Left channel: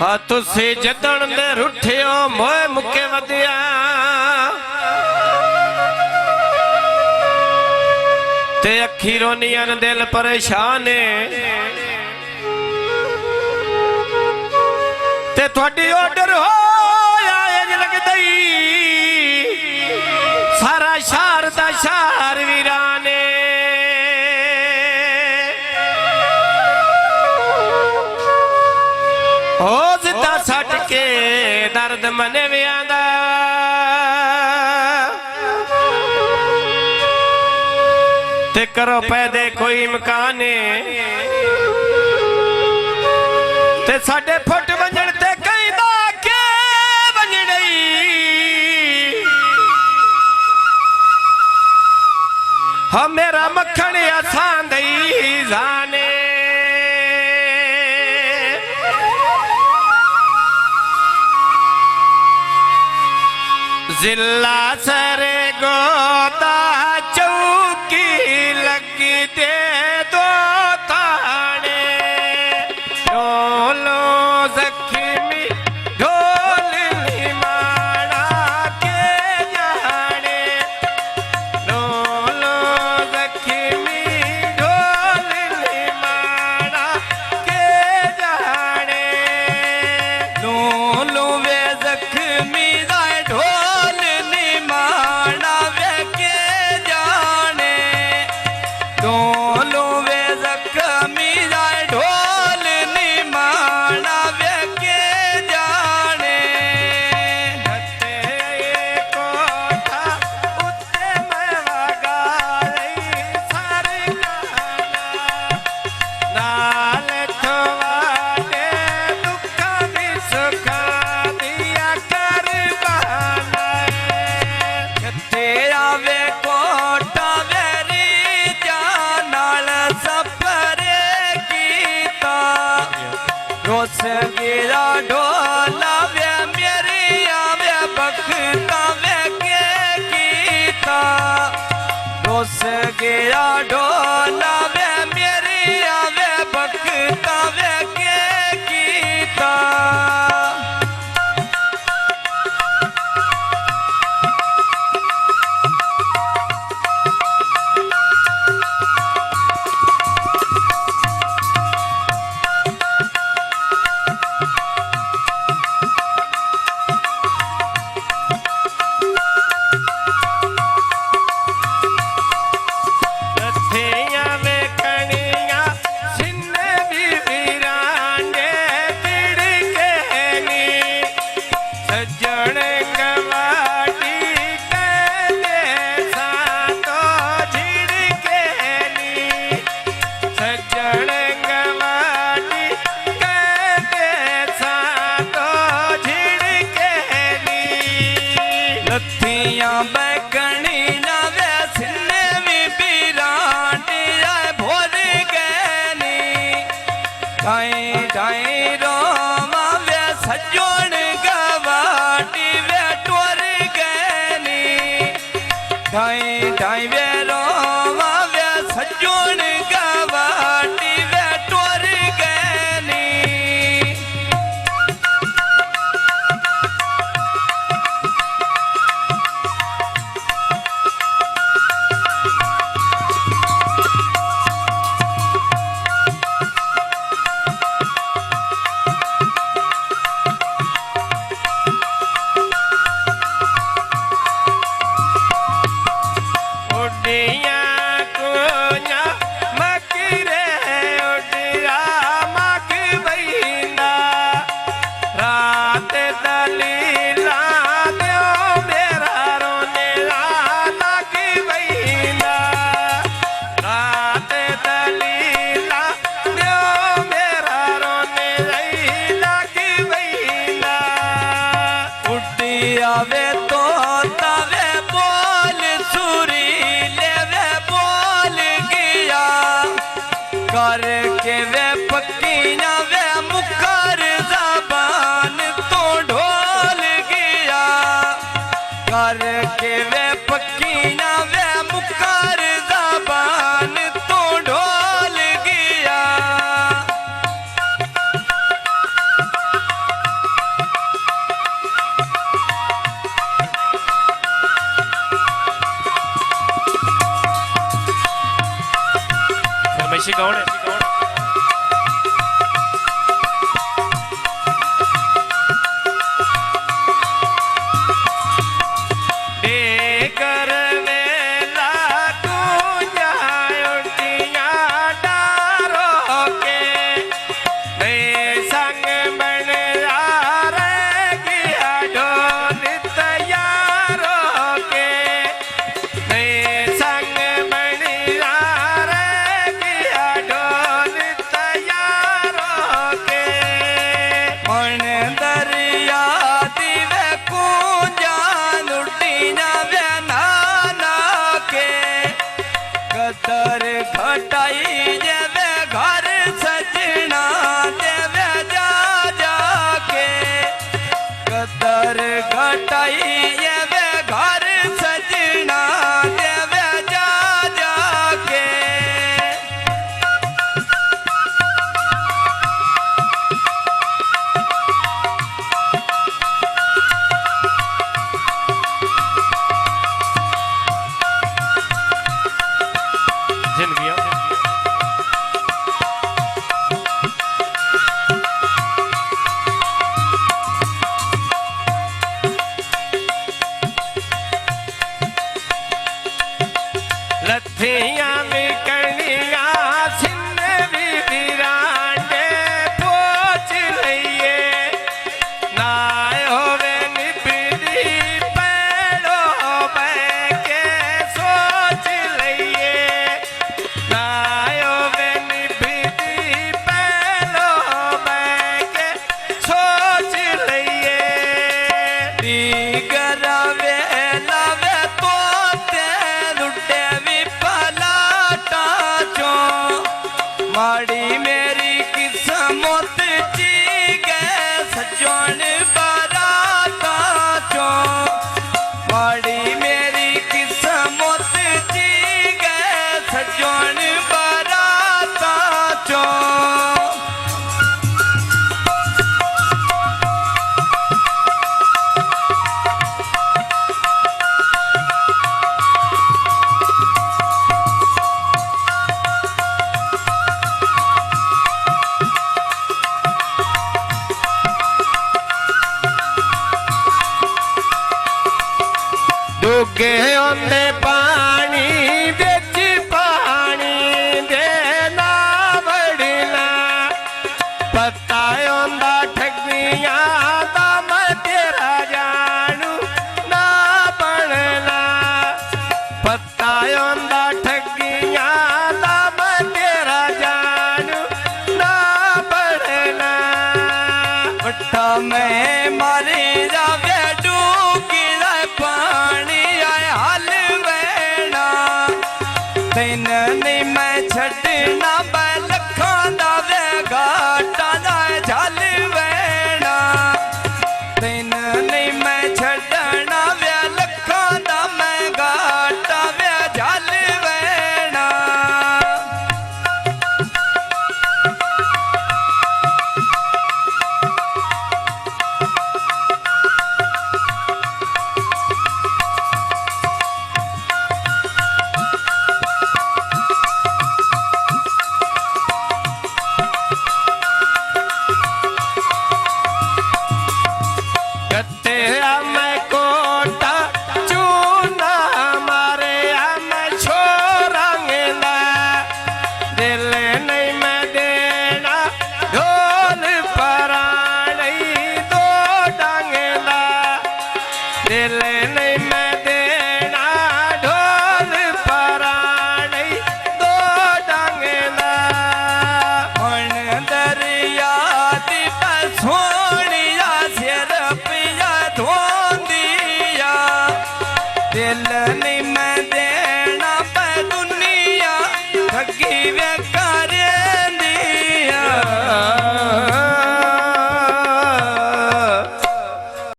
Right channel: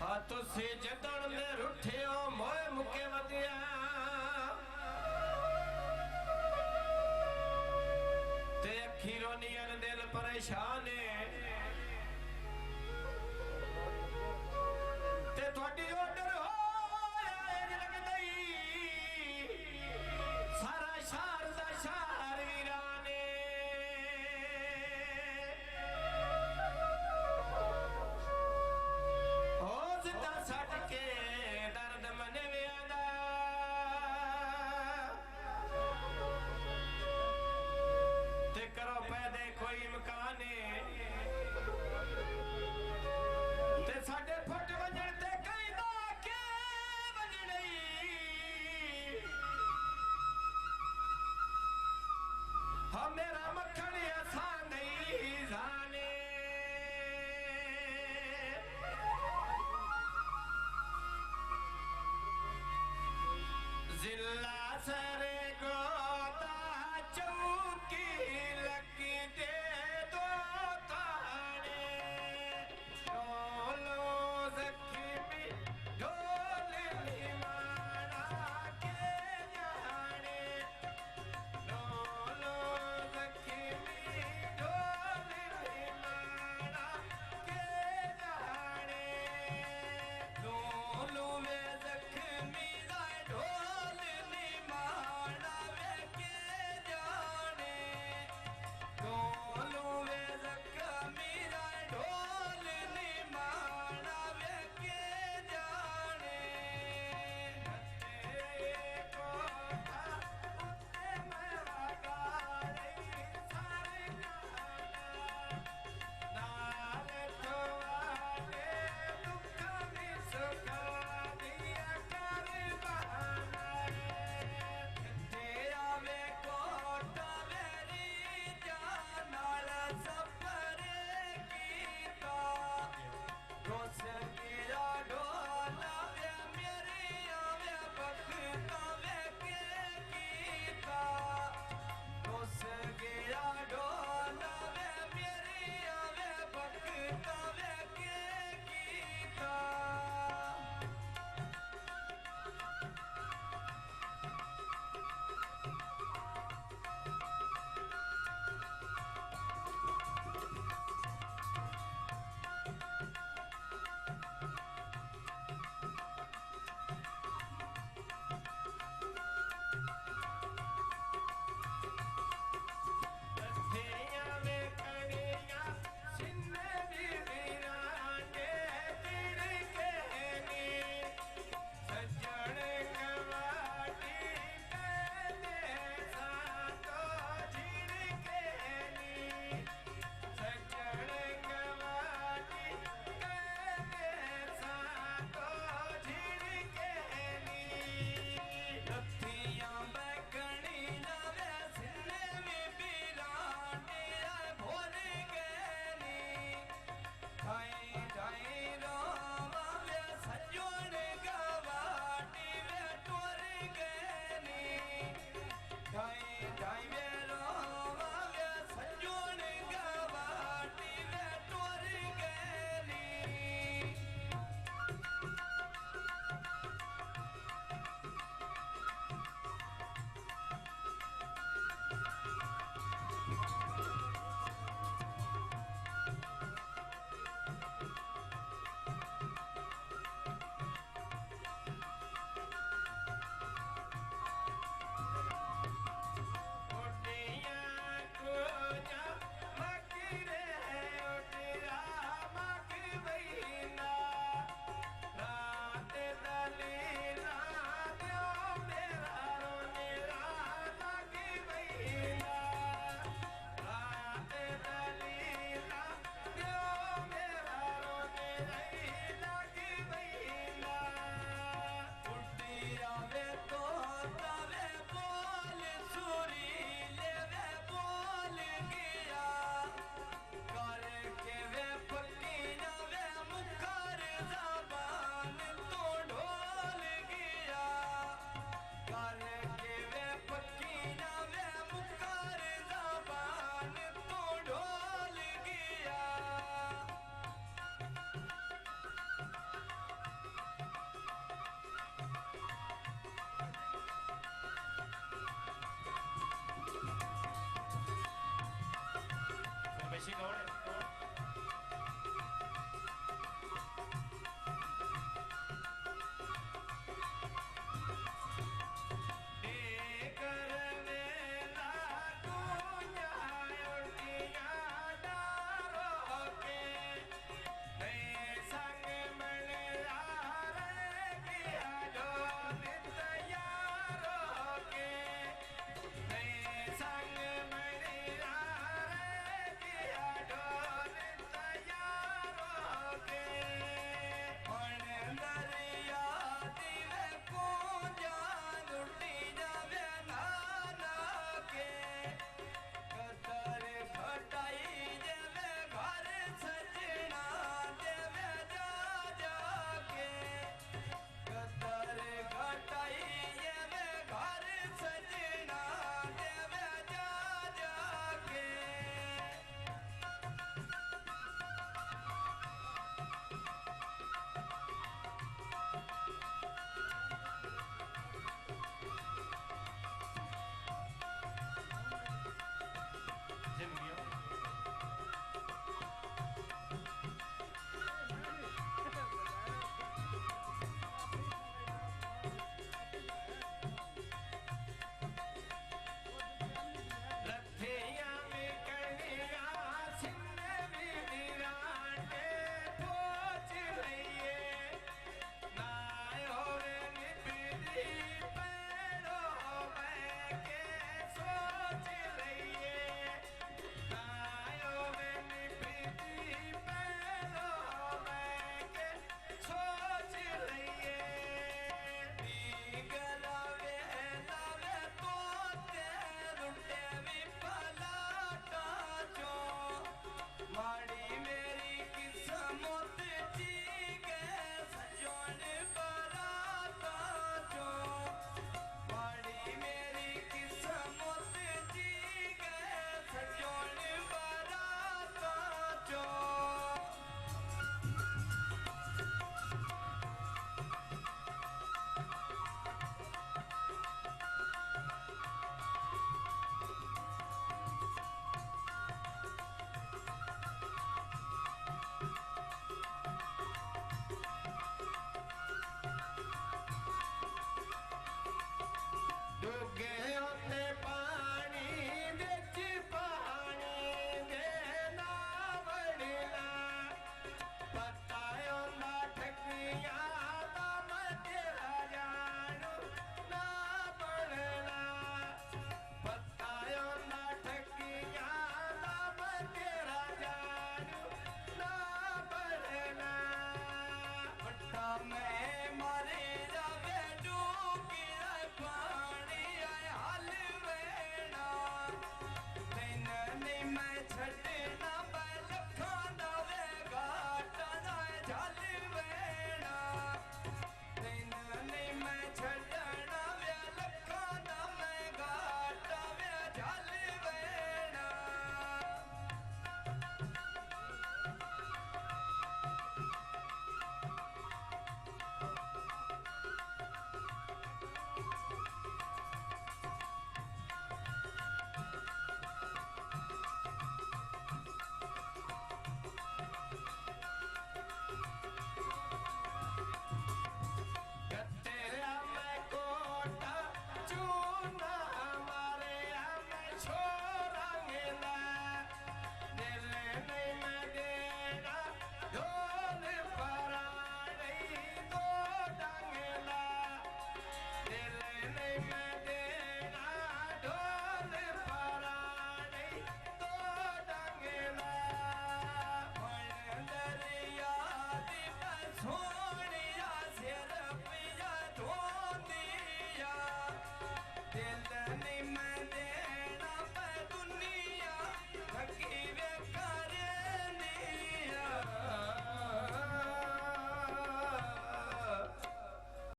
हाँ तुसी जदन दे रुठियो मोए मुके वदिया ते अखी रोनियन दिल परेशान ते थोड़ी ऑर्डर हो लगदई सारा शहर दा शहर वीराने हो जिदा सट के दर्द मने भी आंदा ते करो पैदे कोई इम्कान ते साडे फुट वंजण ते कहंदा के वंजणई हाँ मेरा मक्खन आसान दई जाने जिला सरे गोता चौकी लगी दे दो ताने ढोलो जख्मी ढोल निमाड़ा के जाने ढोलो जख्मी ढोल निमाड़ा के जाने ढोलो वे जख्मी ढोल निमाड़ा वे के जाने ढोलो वे जख्मी ढोल निमाड़ा वे के जाने कोठा उत्ते मैं वगाई सरकाना नाल थवाडे दुखा भी सुखा दिया कर बहाना तेरा वे कोटा वेरी जानाल सफरे कीता रोस गिरा ढोला वे मेरी आवे बखता वे के कीता रोस गिरा ढोला वे मेरी आवे बखता वे के कीता लथियां में कणियां सिन्ने भी वीराने तिड़के नी सज्जण गवाटी कहते सातो झिड़के नी सज्जण गवाटी कहते सातो झिड़के नी लथियां बैकणी नवे सिन्ने भी बीरांडी आए भोर गैनी ढाई ढाई रोमा वे सजोण गवाटी वे टोर गैनी ढाई ढाई वे रोमा वे सजोण गवाटी वे टोर गैनी माड़ी मेरी किस्मत ची गए सजन बाराता चो माड़ी मेरी किस्मत ची गए सजन बाराता चो डुगे ओंदे पानी बिच पानी दे ना वड़ना पता ओंदा ठगियां दा मैं तेरा जानू ना बनना पता ओंदा ठगियां दा मैं तेरा जानू ना बनना बट्टा मैं मारे